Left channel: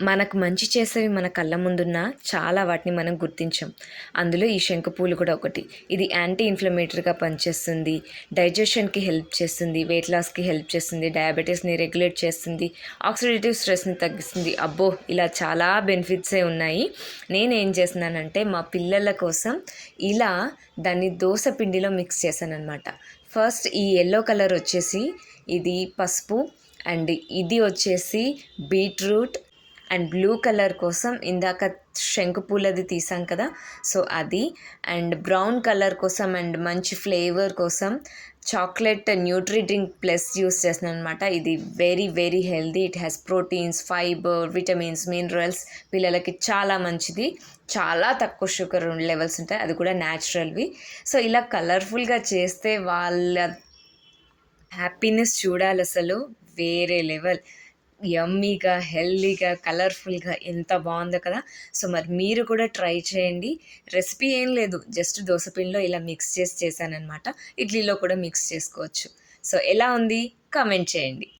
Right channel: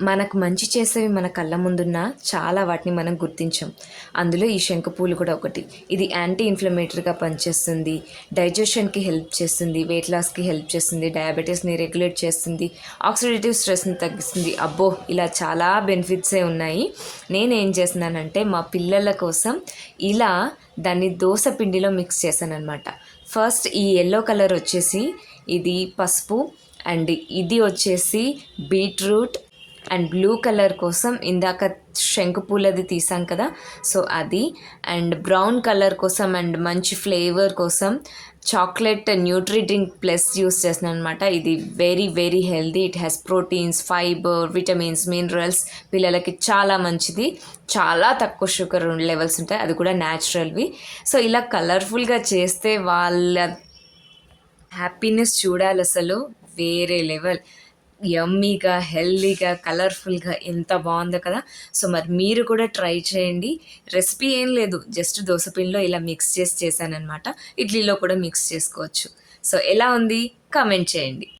మనకు మంచి చేసేవి మన కళ్ళ ముందున్నా చాలా వాటిని మనం గుర్తించం. అందులో ఈ శంకుపూలు కూడా ఒకటి. ఇది యాంటీ ఇన్‌ఫ్లమేటరీగా పనిచేస్తుంది. డైజెషన్‌కి హెల్ప్ చేస్తుంది. వెయిట్ లాస్‌కి హెల్ప్ చేస్తుంది. డయాబెటిస్‌ని రెగ్యులేట్ చేస్తుంది. ఆక్సిడేటివ్ స్ట్రెస్‌ని తగ్గిస్తుంది. అబ్బో! ఇలా చాలా బెనిఫిట్సే ఉన్నాయి. నేనేం చేస్తున్నానంటే మా పిల్లల కోసం ఇలా దాన్ని దోస పిండిలో మిక్స్ చేశాననమాట. ఫస్ట్ ఈ యెల్లో కలర్ వచ్చేసి ఇది పసుపు అండ్ ఇది వచ్చేసి బీట్రూట్ అండ్ బ్లూ కలర్ కోసం ఇందాక శంకుపూలది తీసాం కదా, సో అది. అండ్ బ్రౌన్ కలర్ కోసం అండ్ మంచి ఫ్లేవర్ కోసం chocolate Nutri drink plus use చేస్తున్నాను అనమాట. ఇది very very healthy. It has proteins, fibre, vitamins, minerals. పిల్లలకి చాలా మంచిది. చాలా తక్కువ షుగర్ లెవెల్స్ ఉంటాయి, అది కూడా న్యాచురల్వి. సో ఇలా కలర్ఫుల్గా చేస్తే వాళ్ళ హ్యాపీనెస్ చూడాలి అసలు. వేరే లెవెల్. యమ్మీగా, హెల్తీగా, కలర్ఫుల్గా ఎంత బాగుందో కదా. సో మరి మీరు కూడా ట్రై చేయండి. రెసిపీ ఏం లేదు, జస్ట్ దోస పిండిలో ఇలా మిక్స్ చేసి చేశానన్నమాట. ఇడ్లీలో కూడా మిక్స్ చేసుకోవచ్చు. సో ఎలా ఉంది కామెంట్ చేయండి.